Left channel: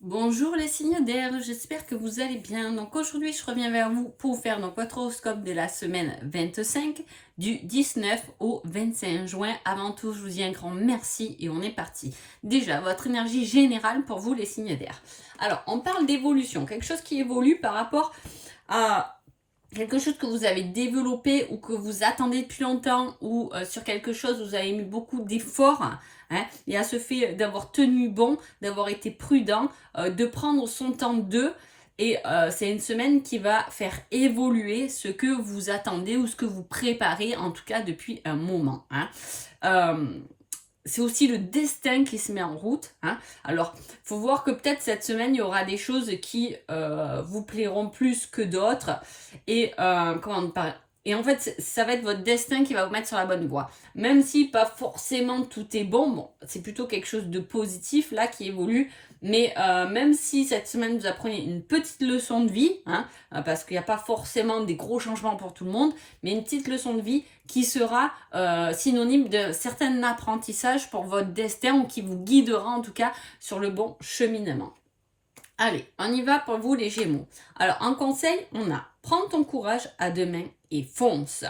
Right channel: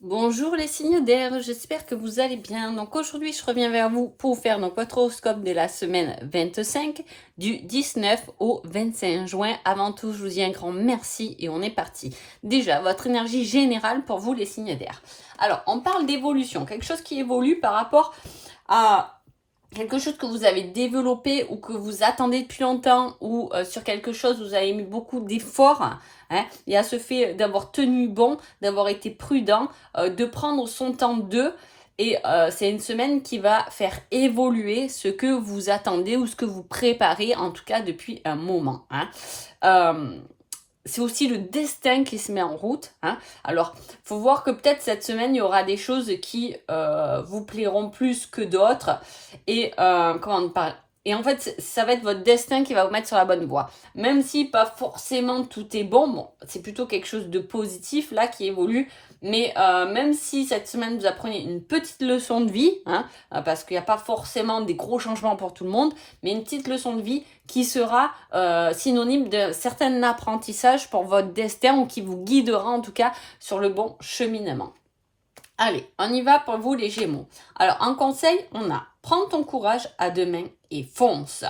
Bonjour les signes d'air, j'espère que vous allez bien. Donc aujourd'hui, je reviens vers vous pour faire donc votre horoscope de la semaine 25 du 19 au 25 juin. Avant tout, je vous dis un grand merci et on est parti. Déjà, votre énergie générale pour vous les signes d'air. Alors, on parle d'évolution, quelque chose qui évolue par rapport à quelque chose que vous avez développé ou que vous attendez depuis longtemps ou sur quelque chose où vous avez mis beaucoup d'efforts. Hein. Il y a ce fait d'avoir tenu bon, d'avoir été prudent, de prendre son temps d'eux. Et c'est une semaine qui va faire évoluer ce que vous attendez ou ce que vous préparez, en tout cas depuis un moment. Hein. C'est aussi le destin qui se met en route. Hein. Alors, il faut voir que peut-être cette semaine, il y aura des choses qui vous plairont plus que d'autres. Et comment on parle. Et en fait, ça va être votre destin qui va vous mettre sur la bonne voie. Même si pas forcément tout est bon, c'est plutôt quelque chose de positif là qui évolue. Mais même si cette semaine vous apprenez une petite leçon de vie, hein, parce qu'il n'y a pas forcément des gros changements pour tout le monde, mais une petite leçon de vie qui sera synonyme de certain apprentissage pour votre destin ou qui vous guidera en tout cas sur le bon cheminement. Allez, on y va pour vous les Gémeaux. Alors, en conseil, on a prends ton courage à deux mains et fonce.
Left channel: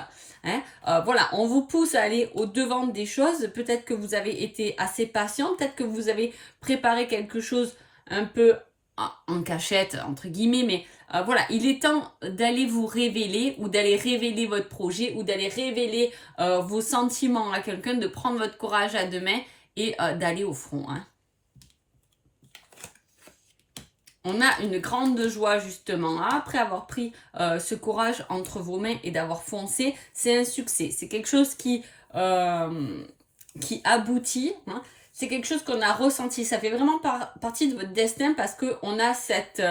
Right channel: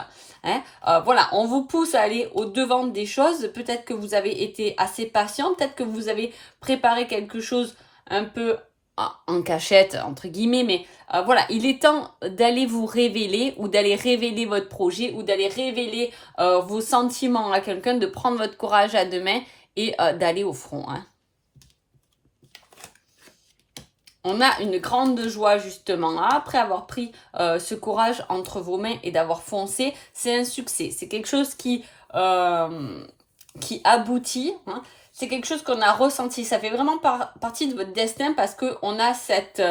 Hein. Voilà, on vous pousse à aller au-devant des choses. Peut-être que vous avez été assez patient, peut-être que vous avez préparé quelque chose un peu en cachette, entre guillemets, mais voilà, il est temps d'aller vous révéler ou d'aller révéler votre projet ou d'aller révéler vos sentiments à quelqu'un, de prendre votre courage à deux mains et d'aller au front. Hein. On a une grande joie justement après avoir pris ce courage entre vos mains et d'avoir foncé. C'est un succès. C'est quelque chose qui aboutit. Hein. C'est quelque chose qu'on a ressenti. Ça fait vraiment partie de votre destin parce qu'on a cette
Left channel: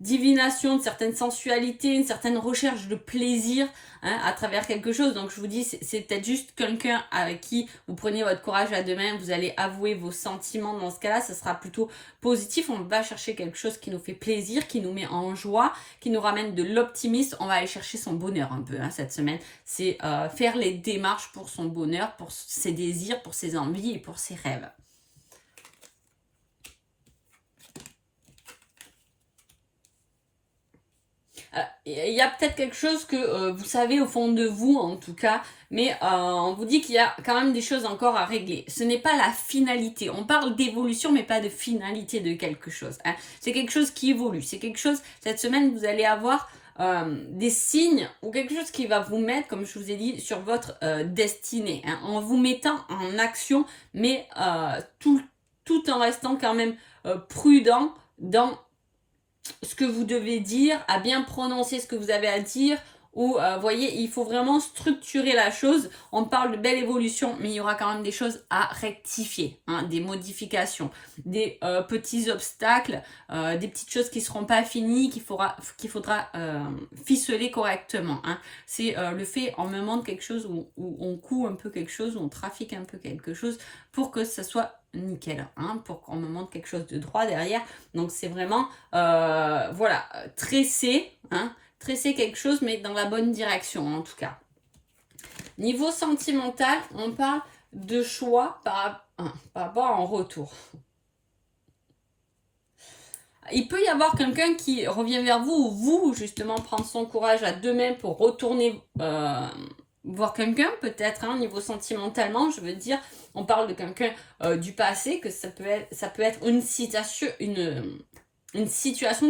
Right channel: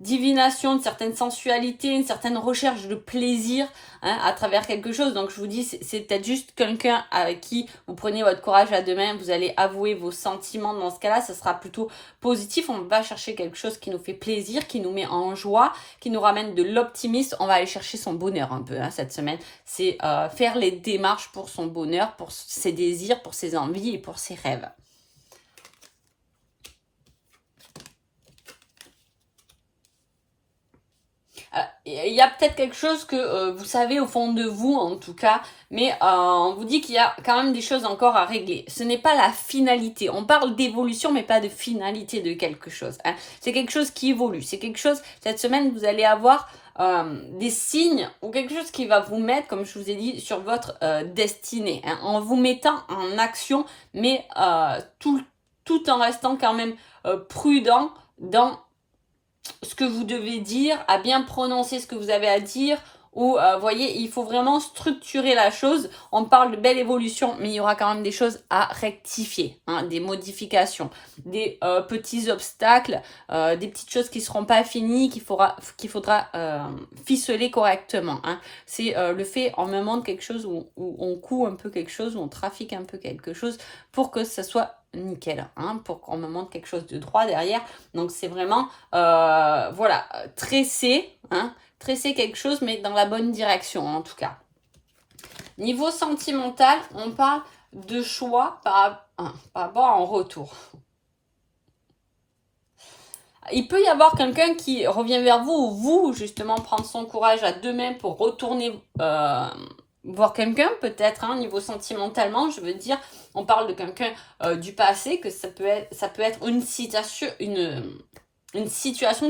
divination, une certaine sensualité, une certaine recherche de plaisir hein, à travers quelque chose. Donc je vous dis, c'est peut-être juste quelqu'un avec qui vous prenez votre courage à deux mains, vous allez avouer vos sentiments. Dans ce cas-là, ça sera plutôt positif. On va chercher quelque chose qui nous fait plaisir, qui nous met en joie, qui nous ramène de l'optimisme. On va aller chercher son bonheur un peu hein, cette semaine. C'est faire les démarches pour son bonheur, pour ses désirs, pour ses envies et pour ses rêves. Il y a peut-être quelque chose que vous savez au fond de vous en tout cas, mais on vous dit qu'il y a quand même des choses encore à régler. Ce n'est pas la finalité. On parle d'évolution mais pas de finalité de quelque chose. Hein. C'est quelque chose qui évolue. C'est quelque chose, cette semaine vous allez avoir des signes ou quelque chose qui va vous mettre, comme je vous ai dit, sur votre destinée. Hein, en vous mettant en action, mais tout en restant quand même prudent dans ce que vous devez dire, à bien prononcer ce que vous avez à dire, ou voyez, il faut vraiment structurer la chose. On parle de belle évolution, mais il y aura quand même des choses à rectifier, hein, des modifications, des petits obstacles, des petites choses qui ne seront pas finies, qu'il faudra ficeler correctement. Hein. C'est le fait, on me montre quelque chose où on coud un peu quelque chose, où on trafique un peu quelque chose, pour que ça soit nickel, hein, pour qu'on me montre quelque chose de droit derrière. Donc c'est vraiment, voilà, tresser, hein, tresser quelque chose, mais dans la bonne direction en tout cas. Niveau sentimental, on parle de choix par rapport à un retour. Il peut y avoir quelqu'un qui revient vers vous ou vous, justement, prendre son courage à deux mains pour retourner voir quelqu'un, peut-être, hein, niveau sentimentalement, je veux dire, on parle de quelqu'un du passé, que ça peut être une situation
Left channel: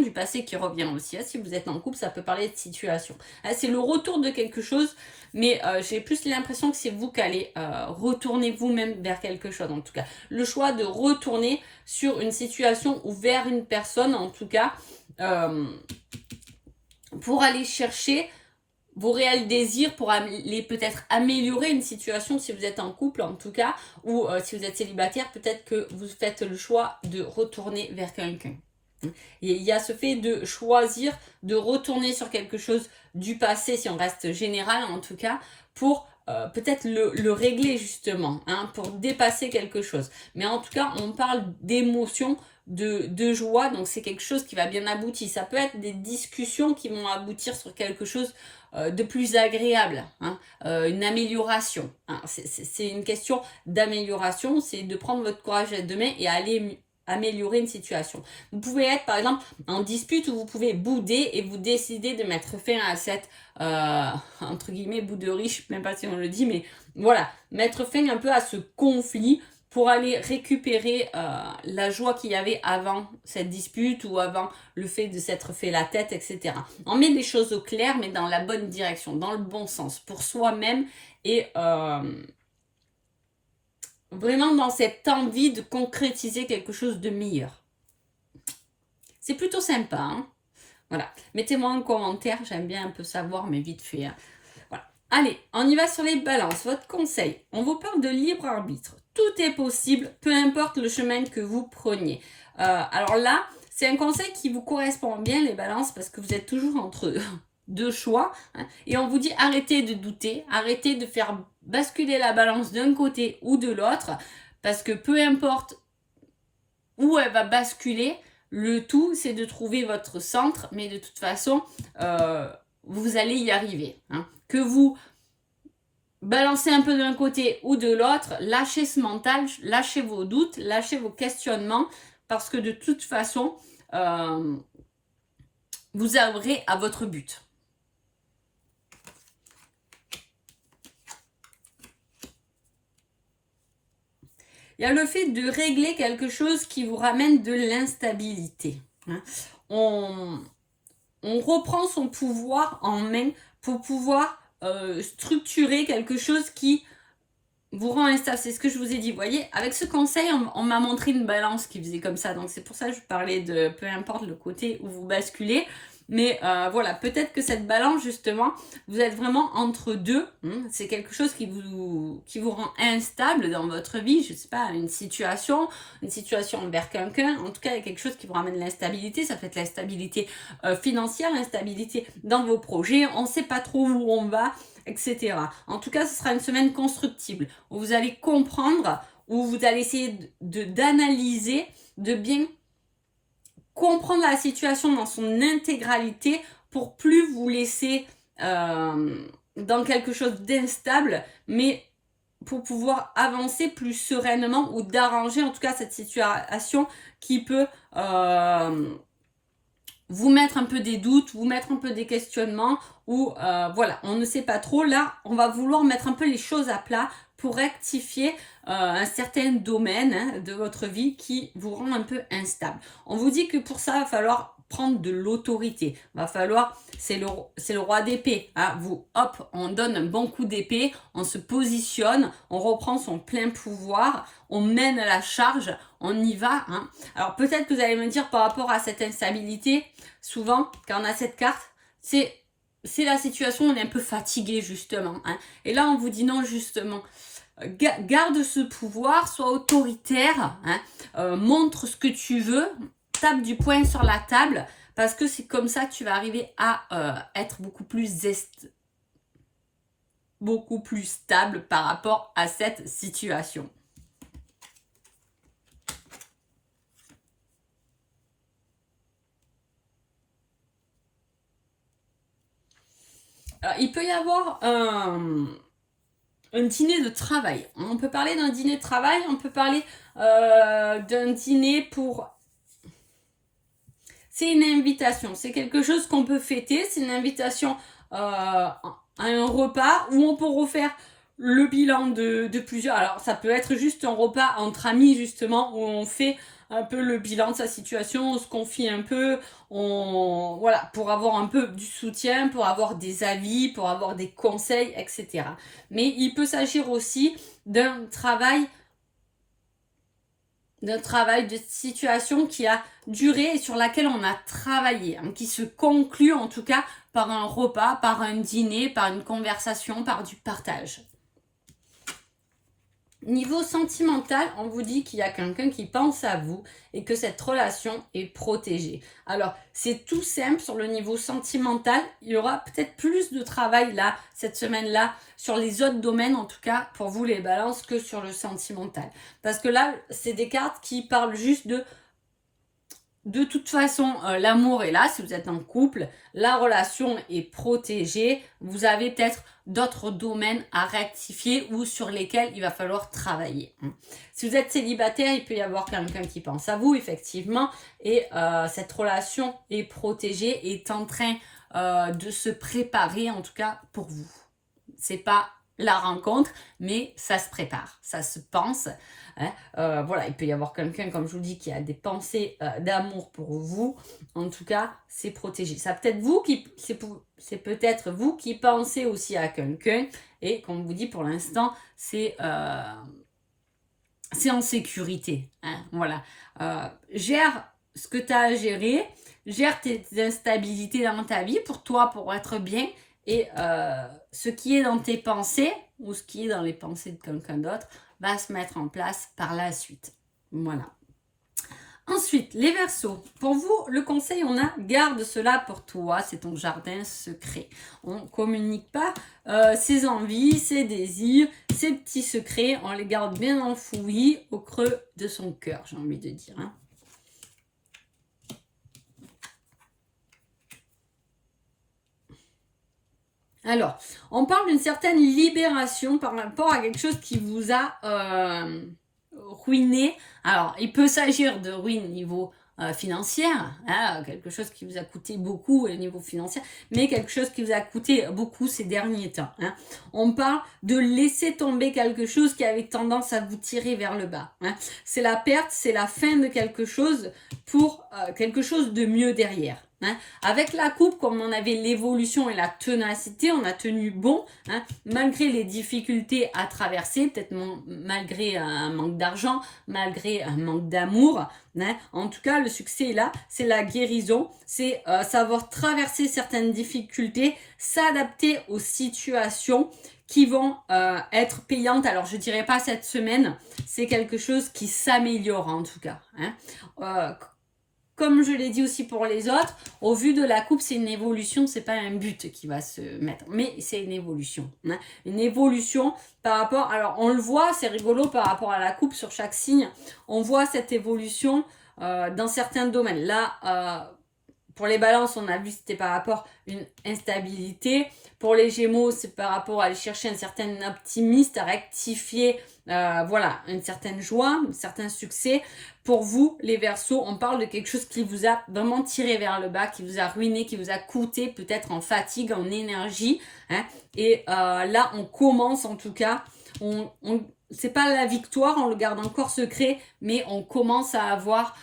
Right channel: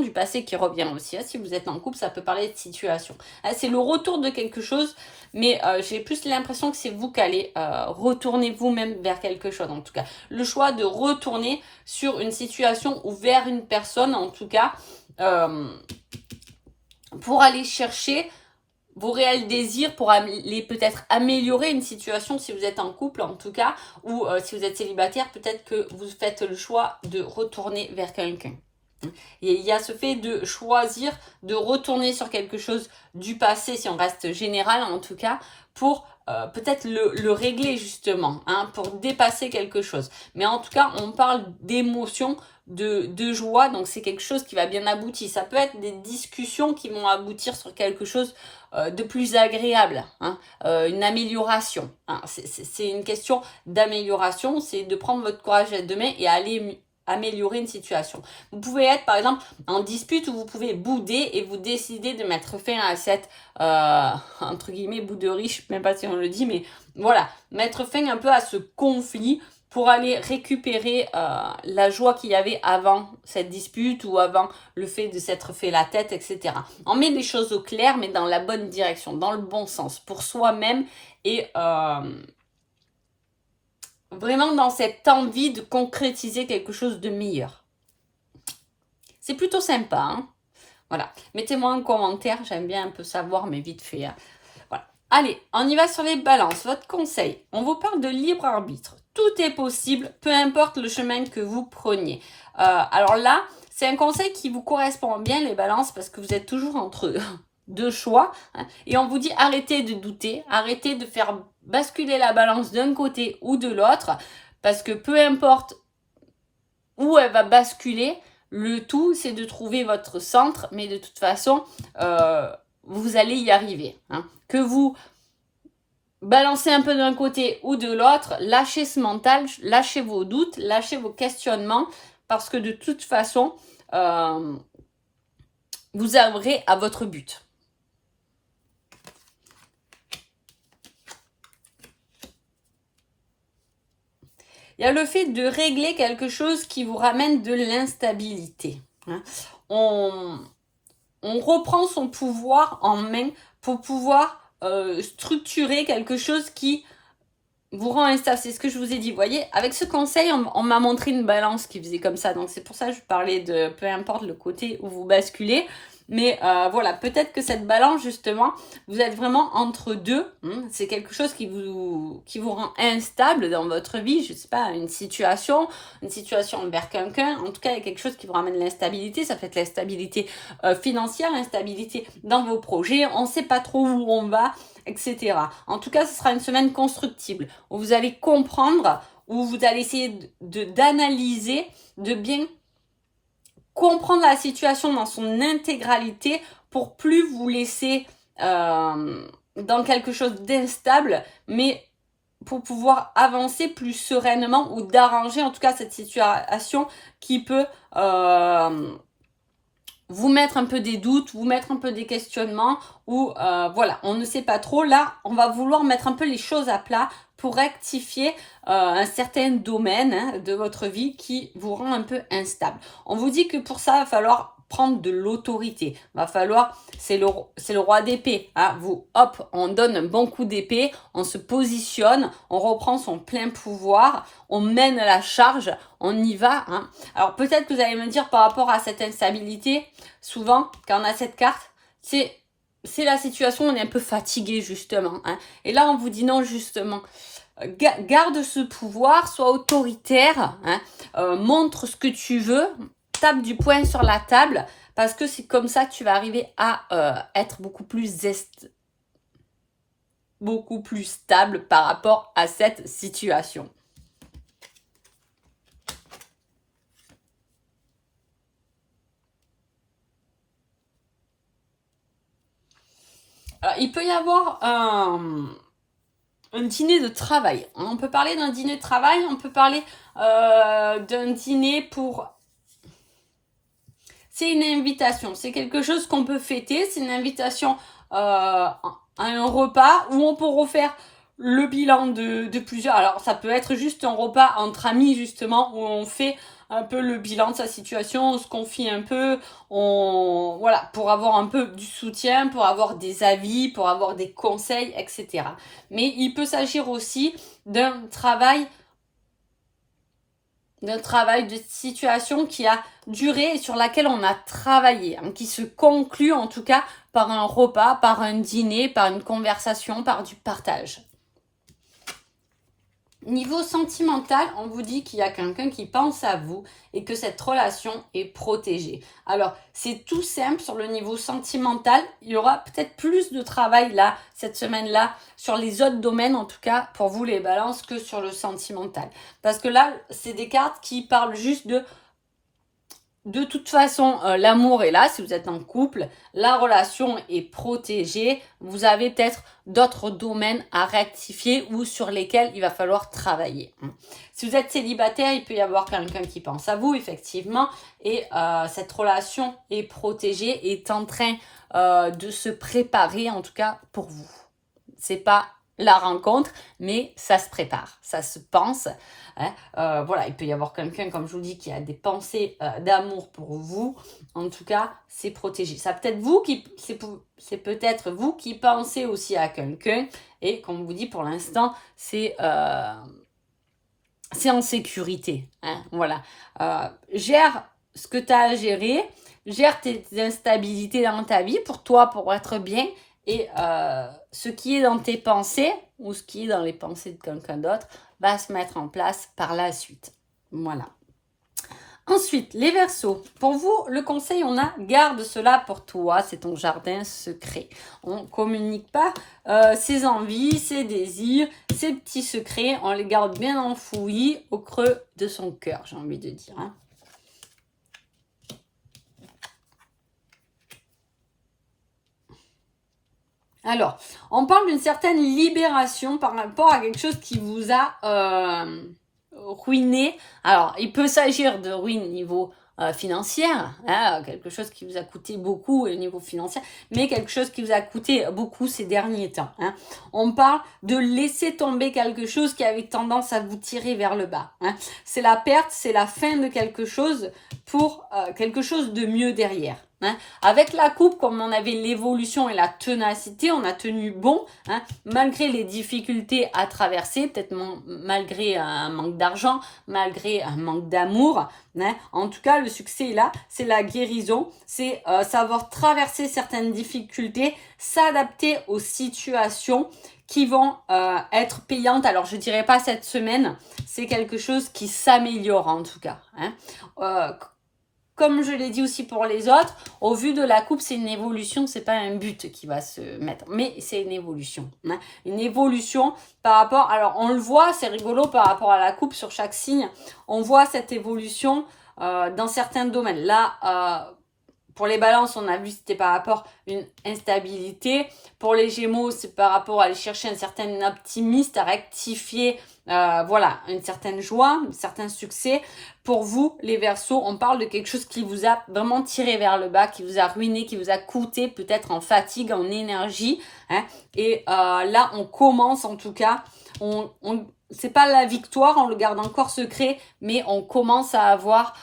du passé qui revient aussi. Hein. Si vous êtes en couple, ça peut parler de situation. Hein, c'est le retour de quelque chose, mais j'ai plus l'impression que c'est vous qui allez retourner vous-même vers quelque chose, en tout cas. Le choix de retourner sur une situation ou vers une personne, en tout cas, pour aller chercher vos réels désirs, pour aller peut-être améliorer une situation si vous êtes en couple en tout cas, ou si vous êtes célibataire, peut-être que vous faites le choix de retourner vers quelqu'un. Et il y a ce fait de choisir de retourner sur quelque chose du passé, si on reste général en tout cas, pour peut-être le régler justement, hein, pour dépasser quelque chose. Mais en tout cas, on parle d'émotion, de joie, donc c'est quelque chose qui va bien aboutir. Ça peut être des discussions qui vont aboutir sur quelque chose de plus agréable, hein, une amélioration. Hein. C'est une question d'amélioration, c'est de prendre votre courage à deux mains et aller améliorer une situation. Vous pouvez être par exemple en dispute où vous pouvez bouder et vous décidez de mettre fin à cette entre guillemets bouderie, je ne sais même pas si on le dit, mais voilà, mettre fin un peu à ce conflit pour aller récupérer la joie qu'il y avait avant cette dispute ou avant le fait de s'être fait la tête, etc. On met les choses au clair, mais dans la bonne direction, dans le bon sens, pour soi-même et vraiment dans cette envie de concrétiser quelque chose de meilleur. C'est plutôt sympa, hein. Voilà, mettez-moi en commentaire, j'aime bien un peu savoir, mais vite fait, hein. Voilà. Allez, on y va sur les balances. Votre conseil, on vous parle de libre arbitre. Tout est possible, peu importe le chemin que vous preniez. Alors là, c'est un conseil qui vous correspond bien, les balances, parce que vous êtes toujours entre deux choix, hein, et on vous dit arrêtez de douter, arrêtez de faire basculer la balance d'un côté ou de l'autre, parce que peu importe où elle va basculer, le tout c'est de trouver votre centre, mais de toute façon vous allez y arriver, hein. Que vous balancez un peu d'un côté ou de l'autre, lâchez ce mental, lâchez vos doutes, lâchez vos questionnements, parce que de toute façon vous arriverez à votre but. Il y a le fait de régler quelque chose qui vous ramène de l'instabilité, hein. On reprend son pouvoir en main pour pouvoir structurer quelque chose qui vous rend instable. C'est ce que je vous ai dit. Vous voyez, avec ce conseil, on m'a montré une balance qui faisait comme ça. Donc c'est pour ça que je parlais de peu importe le côté où vous basculez. Mais voilà, peut-être que cette balance, justement, vous êtes vraiment entre deux. C'est quelque chose qui vous rend instable dans votre vie. Je ne sais pas, une situation envers quelqu'un. En tout cas, il y a quelque chose qui vous ramène l'instabilité. Ça peut être l'instabilité financière, l'instabilité dans vos projets. On ne sait pas trop où on va, etc. En tout cas, ce sera une semaine constructible où vous allez comprendre, où vous allez essayer d'analyser, de bien comprendre la situation dans son intégralité pour plus vous laisser dans quelque chose d'instable, mais pour pouvoir avancer plus sereinement ou d'arranger en tout cas cette situation qui peut vous mettre un peu des doutes, vous mettre un peu des questionnements ou voilà, on ne sait pas trop. Là, on va vouloir mettre un peu les choses à plat pour rectifier un certain domaine, hein, de votre vie qui vous rend un peu instable. On vous dit que pour ça, il va falloir prendre de l'autorité. Va falloir, c'est le roi d'épée, hein. Vous, hop, on donne un bon coup d'épée, on se positionne, on reprend son plein pouvoir, on mène la charge, on y va, hein. Alors peut-être que vous allez me dire par rapport à cette instabilité, souvent quand on a cette carte, c'est la situation où on est un peu fatigué justement, hein. Et là on vous dit non, justement, garde ce pouvoir, sois autoritaire, hein, montre ce que tu veux, tape du poing sur la table, parce que c'est comme ça que tu vas arriver à être beaucoup plus stable par rapport à cette situation. Alors, il peut y avoir un dîner de travail. On peut parler d'un dîner de travail, on peut parler d'un dîner pour... C'est une invitation, c'est quelque chose qu'on peut fêter, c'est une invitation à un repas où on peut refaire le bilan de plusieurs. Alors ça peut être juste un repas entre amis justement, où on fait un peu le bilan de sa situation, on se confie un peu, voilà, pour avoir un peu du soutien, pour avoir des avis, pour avoir des conseils, etc. Mais il peut s'agir aussi d'un travail de situation qui a duré et sur laquelle on a travaillé, hein, qui se conclut en tout cas par un repas, par un dîner, par une conversation, par du partage. Niveau sentimental, on vous dit qu'il y a quelqu'un qui pense à vous et que cette relation est protégée. Alors, c'est tout simple sur le niveau sentimental. Il y aura peut-être plus de travail là, cette semaine-là, sur les autres domaines, en tout cas, pour vous les balances, que sur le sentimental. Parce que là, c'est des cartes qui parlent juste de de toute façon, l'amour est là. Si vous êtes en couple, la relation est protégée. Vous avez peut-être d'autres domaines à rectifier ou sur lesquels il va falloir travailler. Si vous êtes célibataire, il peut y avoir quelqu'un qui pense à vous, effectivement. Et cette relation est protégée, est en train de se préparer, en tout cas pour vous. C'est pas la rencontre, mais ça se prépare, ça se pense. Hein. Voilà, il peut y avoir quelqu'un, comme je vous dis, qui a des pensées d'amour pour vous. En tout cas, c'est protégé. C'est peut-être vous qui pensez aussi à quelqu'un. Et comme je vous dis, pour l'instant, c'est en sécurité. Hein. Voilà. Gère ce que tu as à gérer. Gère tes instabilités dans ta vie pour toi, pour être bien. Et ce qui est dans tes pensées ou ce qui est dans les pensées de quelqu'un d'autre va se mettre en place par la suite. Voilà. Ensuite, les Verseaux. Pour vous, le conseil, on a garde cela pour toi. C'est ton jardin secret. On ne communique pas ses envies, ses désirs, ses petits secrets. On les garde bien enfouis au creux de son cœur, j'ai envie de dire. Hein. Alors, on parle d'une certaine libération par rapport à quelque chose qui vous a ruiné. Alors, il peut s'agir de ruine niveau financier, hein, quelque chose qui vous a coûté beaucoup au niveau financier, mais quelque chose qui vous a coûté beaucoup ces derniers temps. Hein. On parle de laisser tomber quelque chose qui avait tendance à vous tirer vers le bas. Hein. C'est la perte, c'est la fin de quelque chose pour quelque chose de mieux derrière. Hein. Avec la coupe, comme on avait l'évolution et la ténacité, on a tenu bon, hein, malgré les difficultés à traverser, peut-être malgré un manque d'argent, malgré un manque d'amour. Hein. En tout cas, le succès est là, c'est la guérison, c'est savoir traverser certaines difficultés, s'adapter aux situations qui vont être payantes. Alors, je dirais pas cette semaine, c'est quelque chose qui s'améliore en tout cas. Hein. Comme je l'ai dit aussi pour les autres, au vu de la coupe, c'est une évolution, c'est pas un but qui va se mettre, mais c'est une évolution. Hein. Une évolution par rapport, alors on le voit, c'est rigolo par rapport à la coupe sur chaque signe, on voit cette évolution dans certains domaines. Là, pour les balances, on a vu c'était par rapport à une instabilité. Pour les gémeaux, c'est par rapport à aller chercher un certain optimisme, à rectifier, voilà, une certaine joie, un certain succès. Pour vous, les Verseaux, on parle de quelque chose qui vous a vraiment tiré vers le bas, qui vous a ruiné, qui vous a coûté peut-être en fatigue, en énergie. Hein. Et là, on commence en tout cas, c'est pas la victoire, on le garde encore secret, mais on commence à avoir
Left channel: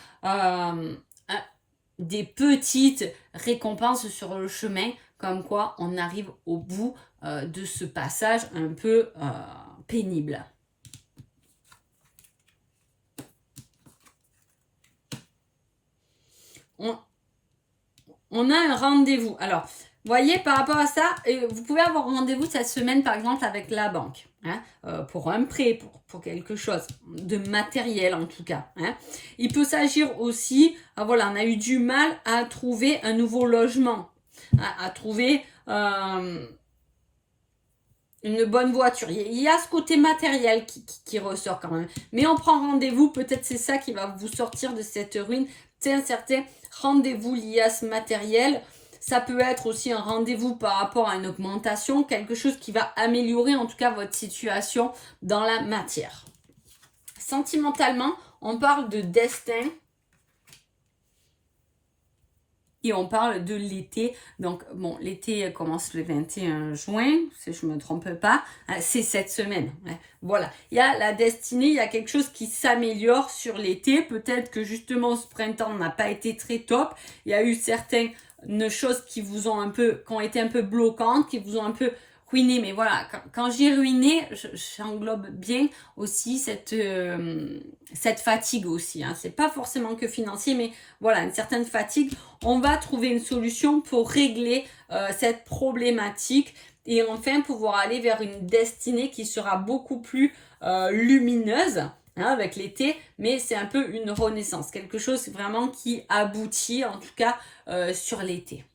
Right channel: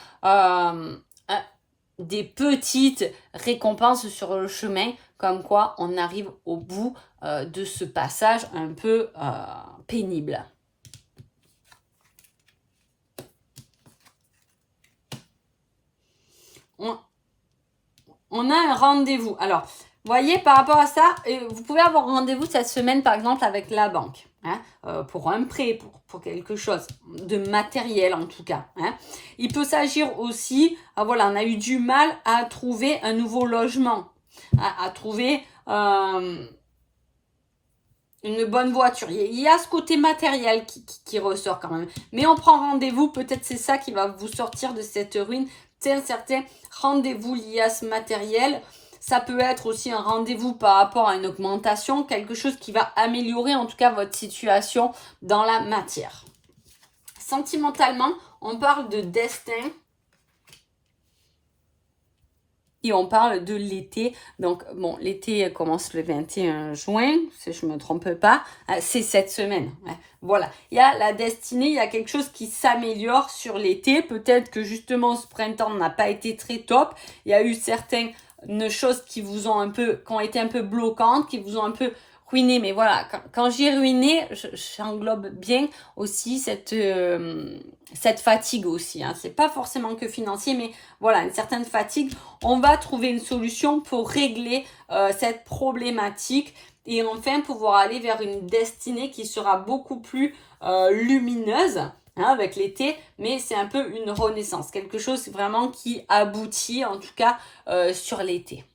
des petites récompenses sur le chemin, comme quoi on arrive au bout de ce passage un peu pénible. On a un rendez-vous. Alors, vous voyez, par rapport à ça, vous pouvez avoir rendez-vous cette semaine, par exemple, avec la banque. Hein, pour un prêt, pour quelque chose de matériel en tout cas. Hein. Il peut s'agir aussi, voilà, on a eu du mal à trouver un nouveau logement, à trouver une bonne voiture. Il y a ce côté matériel qui ressort quand même. Mais on prend rendez-vous, peut-être c'est ça qui va vous sortir de cette ruine. C'est un certain rendez-vous lié à ce matériel. Ça peut être aussi un rendez-vous par rapport à une augmentation, quelque chose qui va améliorer en tout cas votre situation dans la matière. Sentimentalement, on parle de destin et on parle de l'été. Donc, bon, l'été commence le 21 juin, si je ne me trompe pas. C'est cette semaine. Hein. Voilà. Il y a la destinée, il y a quelque chose qui s'améliore sur l'été. Peut-être que justement, ce printemps n'a pas été très top. Il y a eu certaines choses qui vous ont qui ont été un peu bloquantes, qui vous ont un peu ruiné. Mais voilà, quand j'ai ruiné, j'englobe bien aussi cette fatigue aussi. Hein. C'est pas forcément que financier, mais voilà, une certaine fatigue. On va trouver une solution pour régler cette problématique et enfin pouvoir aller vers une destinée qui sera beaucoup plus lumineuse. Hein, avec l'été, mais c'est un peu une renaissance, quelque chose vraiment qui aboutit en tout cas sur l'été.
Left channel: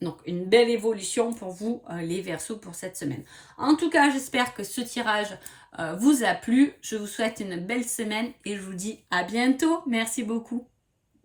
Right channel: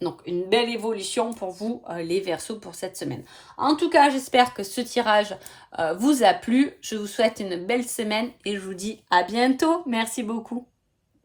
Donc, une belle évolution pour vous, les Verseaux, pour cette semaine. En tout cas, j'espère que ce tirage vous a plu. Je vous souhaite une belle semaine et je vous dis à bientôt. Merci beaucoup.